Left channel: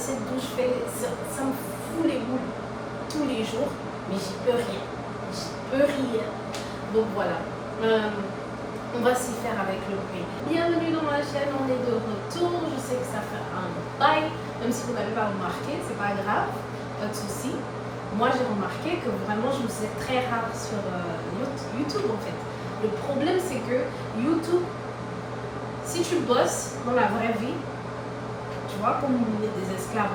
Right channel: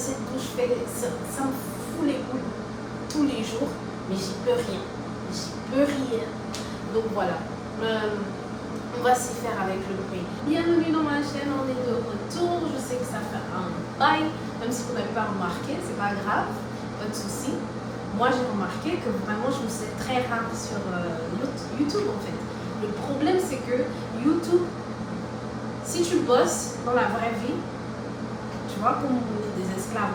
cette douche, ça me fout les boules tous les jours, mais j'y peux rien. J'y peux rien. Donc voilà. On va s'y faire avec le bruit. Bienvenue dans ma chaîne, on est de retour. Je sais que ça fait un bail, même si vous n'avez pas remarqué, c'est pas grave, pas de souci. Moi j'ai remarqué que vraiment je me suis très rare sur YouTube en fait. Le problème c'est que YouTube, si tu bosses dans la vraie vie, tu vois, comme des esclaves,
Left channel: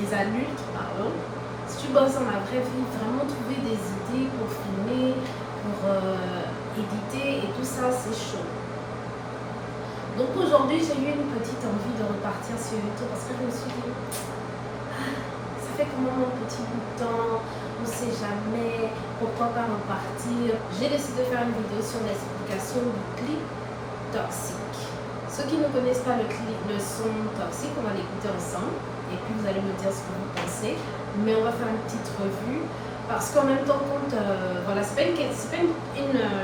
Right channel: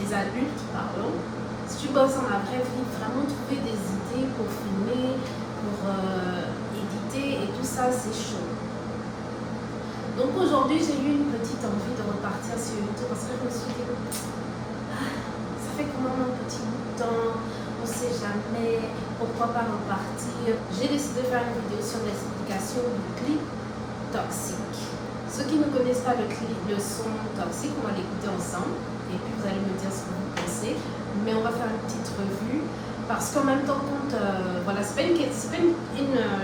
des adultes, pardon, si tu bosses dans la vraie vie, vraiment trouver des idées pour filmer, pour éditer et tout ça, c'est chaud. Donc aujourd'hui, j'ai eu une petite envie de repartir sur YouTube parce que je me suis dit, ça fait quand même un petit bout de temps, on ne sait jamais, pourquoi pas repartir. J'ai décidé de faire une vidéo sur l'explication du clip toxique. Ceux qui ne connaissent pas le son toxique, on va l'écouter ensemble et puis vous allez me dire ce que vous pensez. Mais on va faire une petite revue. Parce qu'en même temps, voilà, c'est pas une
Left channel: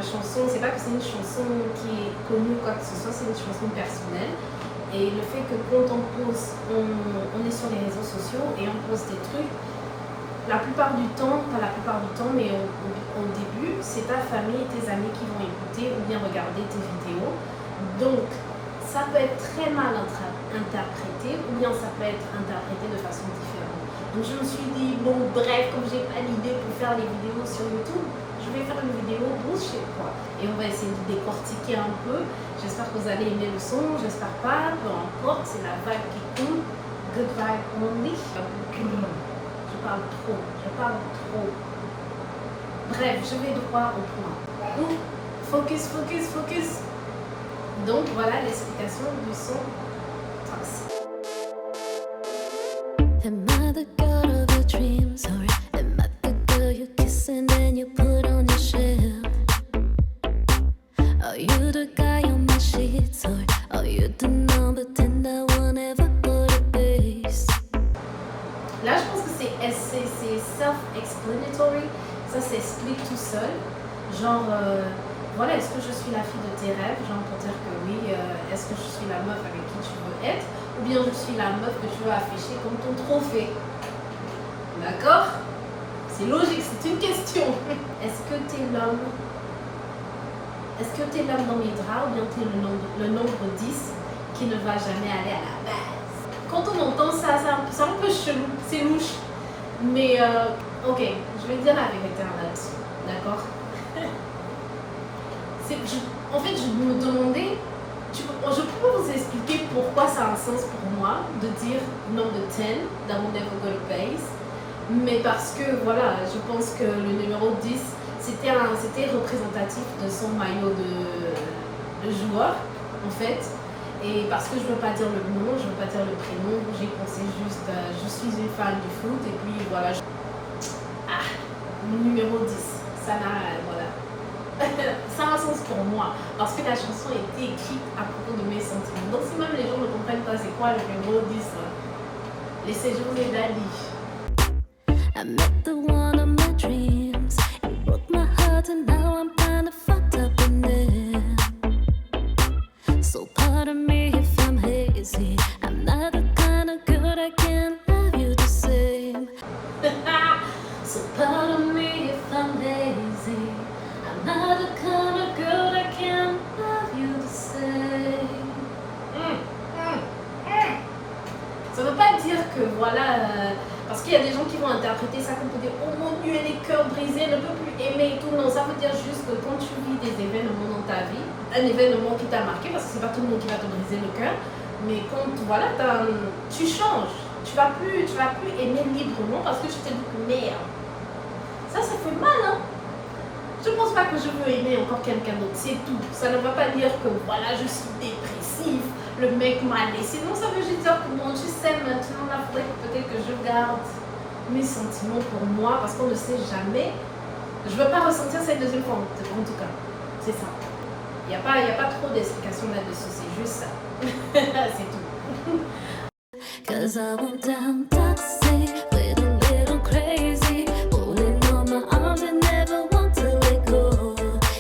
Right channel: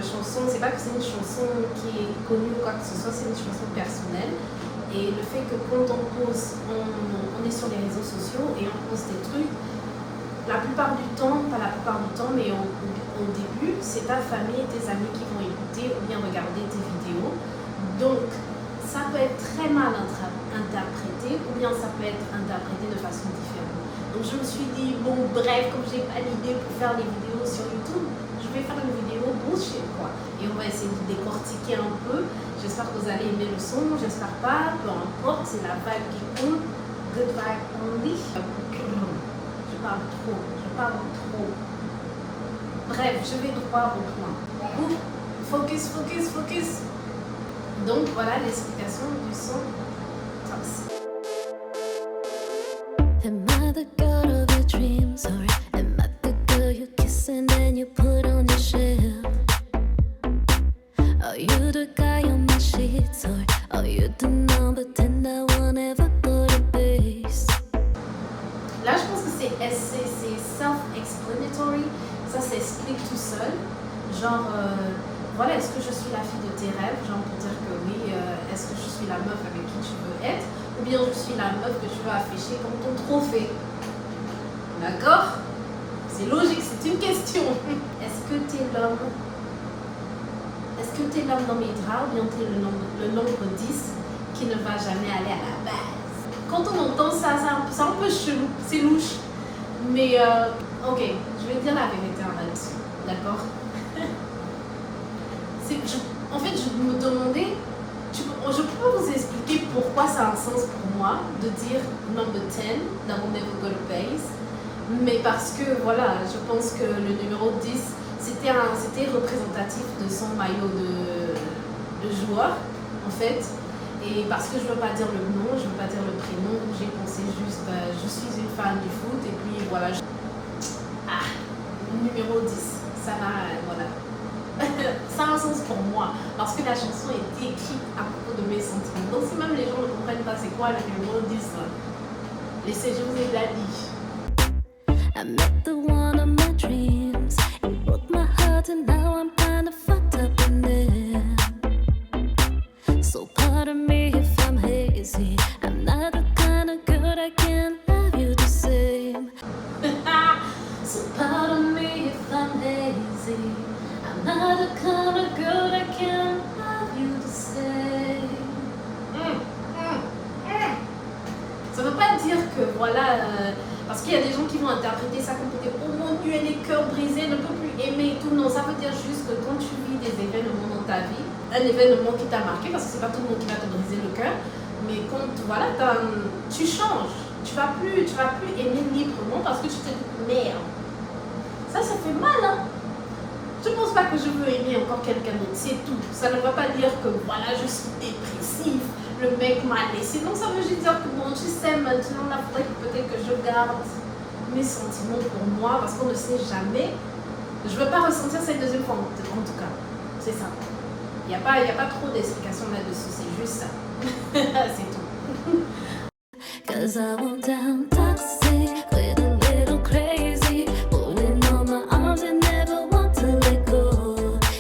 chanson, c'est pas que c'est une chanson qui est connue ou quoi que ce soit, c'est une chanson personnelle. Et le fait que quand on pose, on est sur les réseaux sociaux et on pose des trucs, la plupart du temps, pas la plupart du temps, mais au début, c'est ta famille et tes amis qui vont écouter ou bien regarder tes vidéos. Donc, ça peut être très mal interprété ou bien ça peut être interprété de façon différente. Donc je me suis dit, bon bref, comme j'ai pas l'idée pour faire les vidéos sur YouTube, je vais faire une vidéo bullshit quoi. Et on va essayer de décortiquer un peu. J'espère que vous allez aimer le son, j'espère pas, peu importe, c'est la vibe qui coule. Good vibe only. Je parle trop. Bref, je vais droit au point. Focus. Donc voilà l'explication du son toxique. Am I the girl of your dreams, or am I the girl you kiss and then you put on your shelf? Are you the guy on my sheets, or are you the number 10 that won't ever go to base? Là, je pense que c'est self-explanatory, ça s'explique tout seul. Genre, voilà, est-ce que je suis la fille de tes rêves? Genre pour dire que oui, est-ce que je suis la meuf avec qui tu veux être? Ou bien je suis la meuf que tu veux afficher comme ton trophée. D'accord? C'est logique, c'est une question. Est-ce que tu es l'homme? Est-ce que tu es l'homme dans mes draps ou bien tu es le nombre 10 qui ne va jamais aller à la base? Quand on entend ça, c'est un peu chelou, c'est louche. Mais ok, je vais dire la vérité là-dessus. D'accord? En fait, je me demandais, je peux vous expliquer pourquoi ça a un sens pour moi de dire number 10, that will never go to base. Mais parce que voilà, je pense que le numéro 10, c'était représentatif de son maillot de joueur, en fait. Et parce que je ne veux pas dire le nom, je ne veux pas dire le prénom, j'ai pensé juste, je suis une fan du foot, et puis voilà. Le numéro 10, ça m'a, voilà. Ça a un sens pour moi parce que la chanson a été écrite à propos de mes sentiments. Donc si même les gens ne comprennent pas c'est quoi le numéro 10, laissez jouer Daddy. I met the one of my dreams. It broke my heart and now I'm kinda fucked up in there. So pardon me if I'm hazy. I'm not the kind of girl that can love you the same. So pardon me if I'm hazy. I'm not the kind of girl that can love you the same. Ça veut pas dire que voilà, parce qu'il y a des gens qui vont interpréter ça comme dire oh mon Dieu, les cœurs brisés, ne peut plus aimer et tout. Non, ça veut dire juste que quand tu vis des événements dans ta vie, un événement qui t'a marqué, parce que c'est pas tout le monde qui va te briser le cœur, mais quand voilà, tu changes, tu vas plus aimer librement parce que tu te dis merde. Ça fait mal, hein. Je pense pas que je veux aimer encore quelqu'un d'autre, c'est tout. Ça ne va pas dire que voilà, je suis dépressif, le mec m'a laissé. Non, ça veut juste dire que bon, tu sais, maintenant, là, peut-être que je garde mes sentiments pour moi parce qu'on ne sait jamais. Je ne veux pas ressentir cette deuxième fois, en tout cas. C'est ça. Il n'y a pas trop d'explications là-dessus, c'est juste ça. C'est tout. 'Cause I went down toxic with a little crazy, pulling on my arms and never want to let go.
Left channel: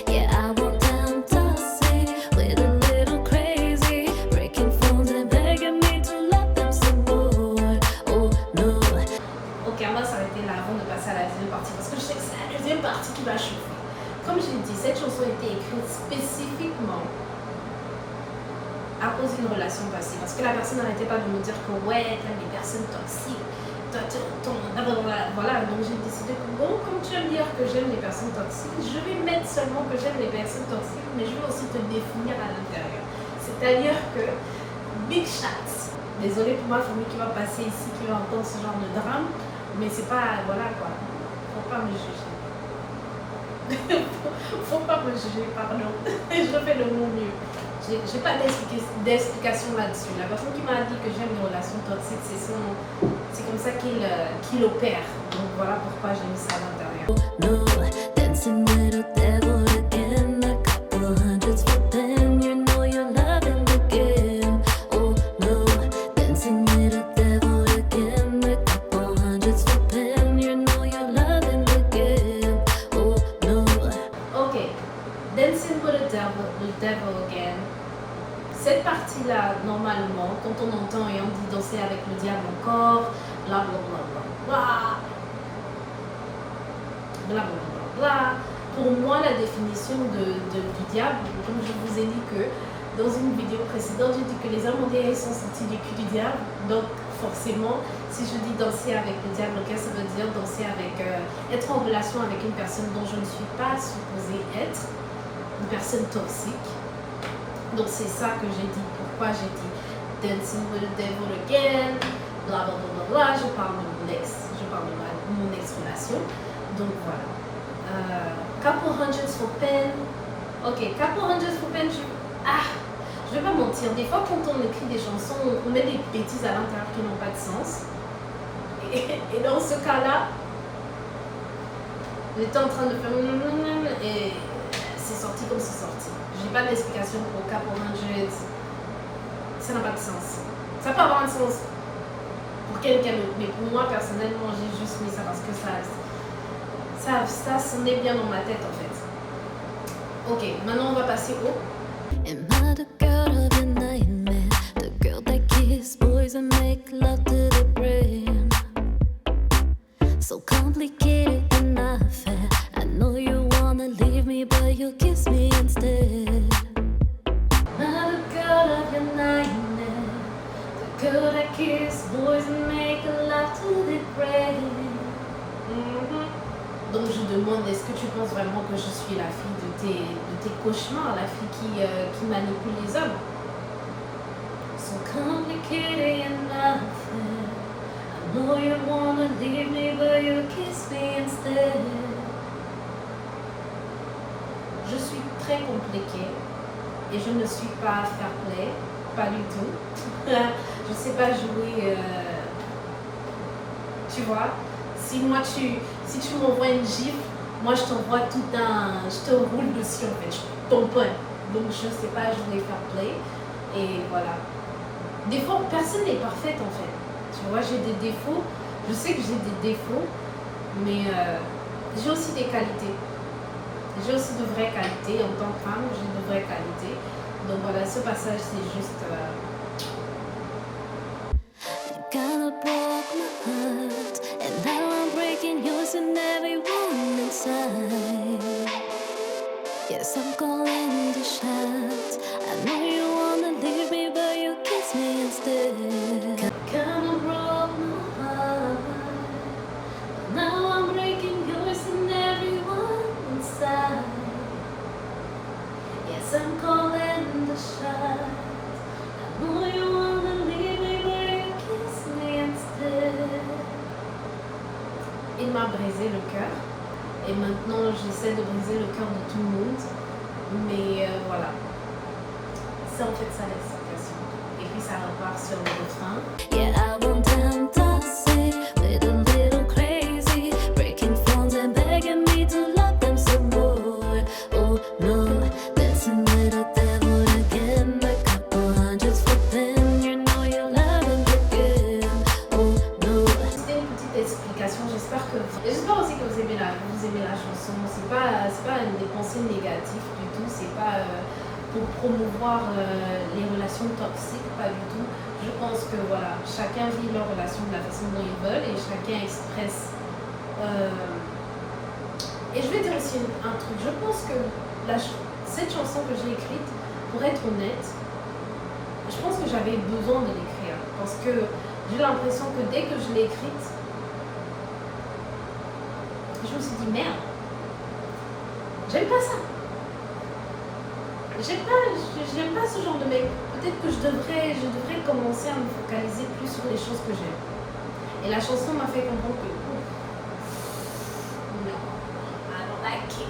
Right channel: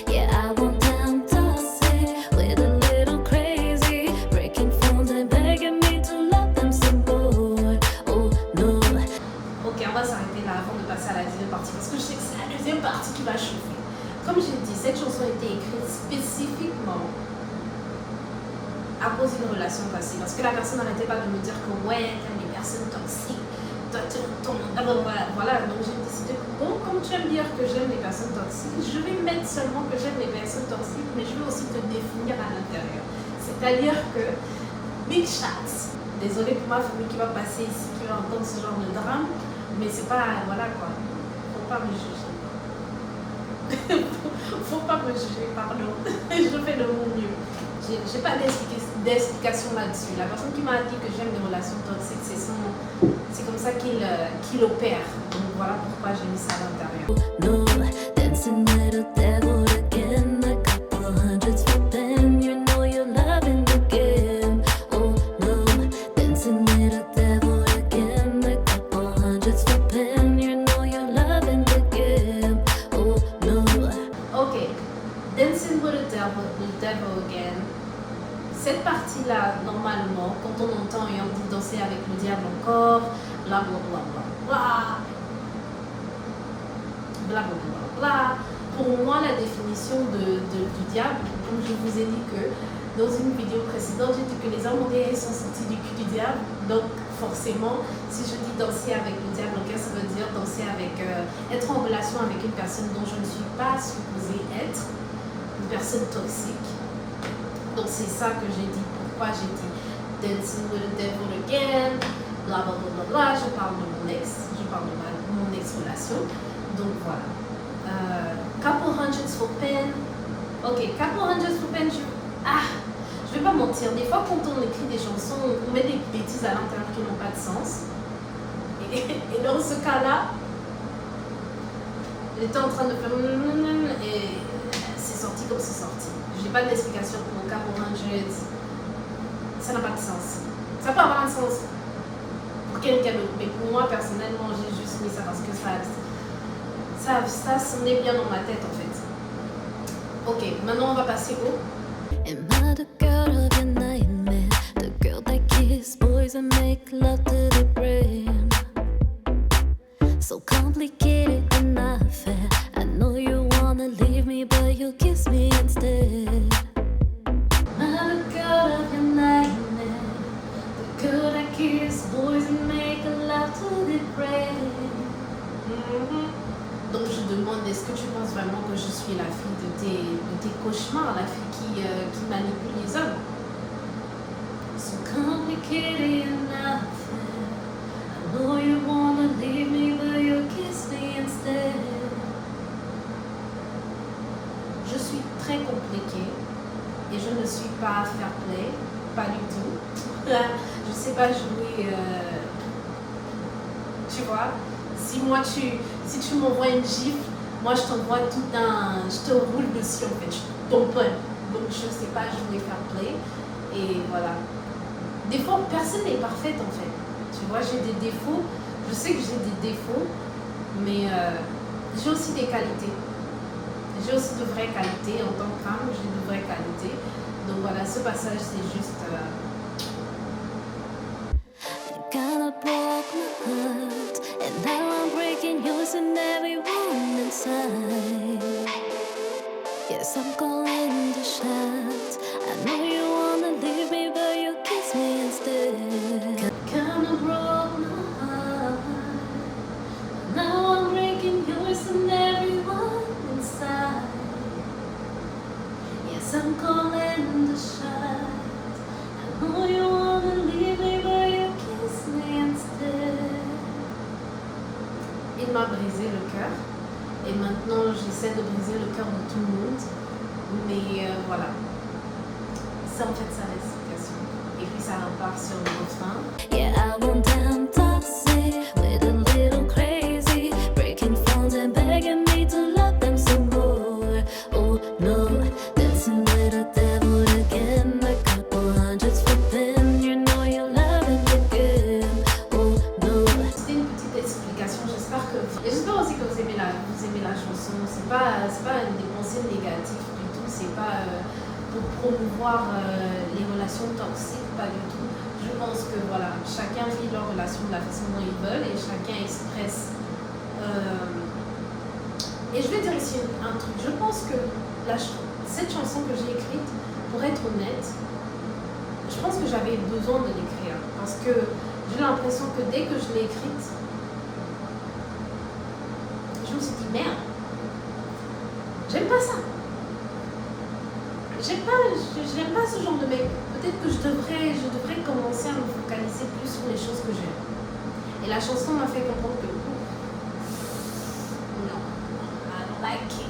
Yeah, I went down toxic with a little crazy, breaking phones and begging me to love them some more. Oh, partie parce que je sais que c'est la deuxième partie qui va chauffer. Comme j'ai dit, cette chanson a été écrite spécifiquement à cause d'une relation passée. Parce que la personne n'arrêtait pas de me dire que ouais, t'aimes des personnes toxiques. Voilà, donc j'ai décidé que bon, comme tu aimes dire que j'aime les personnes toxiques, je vais mettre seulement que j'aime les personnes toxiques, mais je vais aussi te définir à l'intérieur. C'est-à-dire que big shots. Désolée pour ma famille qui va passer ici, qui va entendre ce genre de drame, mais c'est pas, voilà quoi, faut pas me juger. Faut pas me juger, pardon. Je fais de mon mieux. J'ai pas d'explication là-dessus. La personne qui m'a dit que j'aime les relations toxiques, c'est comme ça qu'il opère. Donc voilà pourquoi j'ai mis ça à l'intérieur. No, dancing with the devil again. A couple hundreds for pen. You know you're loving the game. Oh no, dancing with the devil again. A couple hundreds for pen. You know you're loving the game. Oh no. Ok, dancing with the devil again. Cette partie-là, normalement, quand on entend et on dit danser avec le diable encore, bla bla bla bla bla, bla bla bla bla. Pour moi, la définition du diable, comme je vous ai dit que dans une vidéo précédente, j'ai dit que les hommes modérés sont sortis du cul du diable. Donc, forcément, si je dis danser avec le diable, okay, ça veut dire danser avec, être en relation avec une personne dont je ne suis pas supposée être, une personne toxique. Donc c'est ça que j'ai dit. Pourquoi j'ai dit dancing with the devil again, bla bla bla bla. Je parle de mon ex, je parle de mon ex-relation. Donc voilà. Couple hundreds for pen. Ok, couple hundreds for pen. Je vais pas mentir. Des fois quand on écrit des chansons, on met des bêtises à l'intérieur qui n'ont pas de sens. Et dans ce cas-là, j'étais en train de faire et c'est sorti comme c'est sorti. J'ai pas d'explication pour couple hundreds. Ça n'a pas de sens. Ça peut avoir un sens pour quelqu'un d'autre, mais pour moi personnellement, j'ai juste mis ça parce que ça sonnait bien dans ma tête en fait. Ok, maintenant on va passer au. Am I the girl of your nightmare? The girl that kiss boys and make love to their brain. So complicated and not fair. I know you wanna leave me, but you kiss me instead. Not a girl of your nightmare. The girl that kiss boys and make love to their brain. Donc je demande, est-ce que tu penses vraiment que je suis la fille de tes cauchemars, la fille qui manipule les hommes? So complicated and not fair. I know you wanna leave me, but you kiss me instead. Je suis très compliquée et je ne suis pas fair play, pas du tout. Je sais pas jouer, tu vois. Si tu m'envoies une gifle, moi je t'envoie je te roule dessus en fait, je tamponne. Donc je ne sais pas jouer fair play et voilà. Des fois personne n'est parfaite en fait. Tu vois, j'ai des défauts, je sais que j'ai des défauts, mais j'ai aussi des qualités. J'ai aussi de vraies qualités en tant que femme, j'ai de vraies qualités. Donc voilà, ce passage c'est juste. Kinda broke my heart, and now I'm breaking yours and everyone inside. Yes, I'm calling the shots. I know you wanna leave me, but you kiss me instead. Kinda broke my heart, but now I'm breaking yours and everyone inside. Yes, I'm calling the shots. I know you wanna leave me, but you kiss me instead. Il m'a brisé le cœur et maintenant j'essaie de briser le cœur de tout le monde, mais voilà, c'est en fait ça l'explication et puis ça repart sur le refrain. Yeah, I went down toxic with a little crazy, breaking phones and begging me to love them some more. Oh no, dancing with a devil again, a couple hundreds for pen. You know you're loving the game. Oh no. C'était une petite explication, j'espère aussi que vous aimez la chanson. C'est pas des pensées négatives du tout, c'est pas pour promouvoir les relations toxiques, pas du tout. Je pense que voilà, chacun vit leur relation de la façon dont ils veulent et chacun expresse Et je vais dire aussi un truc. Je pense que cette chanson que j'ai écrite, pour être honnête, je pense que j'avais besoin de l'écrire. Parce que j'ai l'impression que dès que je l'ai écrite, je me suis dit merde, j'aime pas ça. J'aime pas ce genre de mec. Peut-être que je devrais commencer à me focaliser plus sur les choses que j'aime. Et la chanson m'a fait comprendre que non, I don't like it.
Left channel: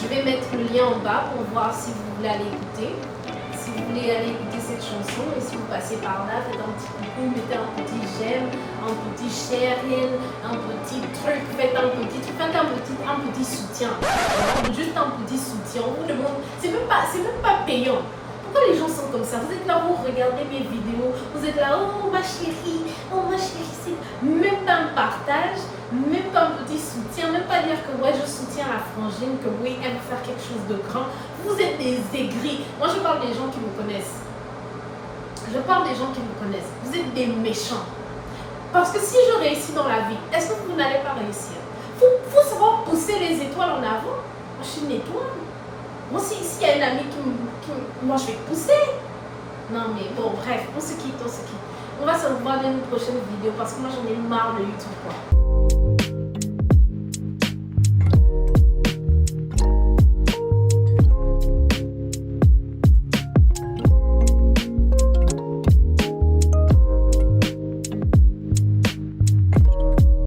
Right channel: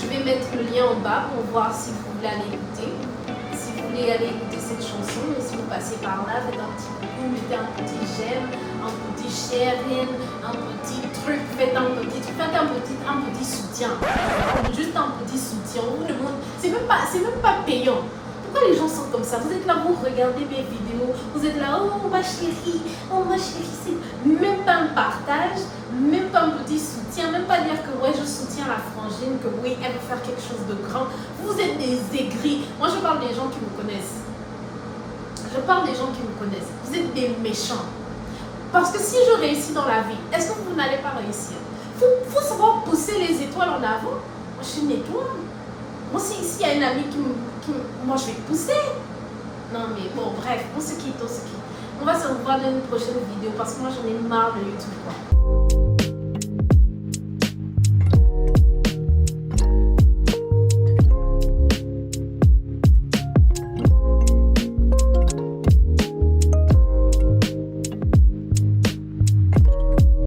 Je vais mettre le lien en bas pour voir si vous voulez aller écouter. Si vous voulez aller écouter cette chanson et si vous passez par là, faites un petit coucou, mettez un petit j'aime, un petit sharing, un petit truc, faites un petit soutien. Juste un petit soutien. C'est même pas payant. Pourquoi les gens sont comme ça? Vous êtes là, vous regardez mes vidéos, vous êtes là, oh ma chérie, c'est même pas un partage, même pas un petit soutien, même pas dire que ouais, je soutiens la frangine, que oui, elle veut faire quelque chose de grand. Vous êtes des aigris. Moi, je parle des gens qui me connaissent. Vous êtes des méchants. Parce que si je réussis dans la vie, est-ce que vous n'allez pas réussir? Faut savoir pousser les étoiles en avant. Moi, je suis une étoile. Moi, s'il y a une amie moi, je vais te pousser. Non, mais bon, bref, on se quitte. On va se revoir dans une prochaine vidéo parce que moi, j'en ai marre de YouTube, quoi.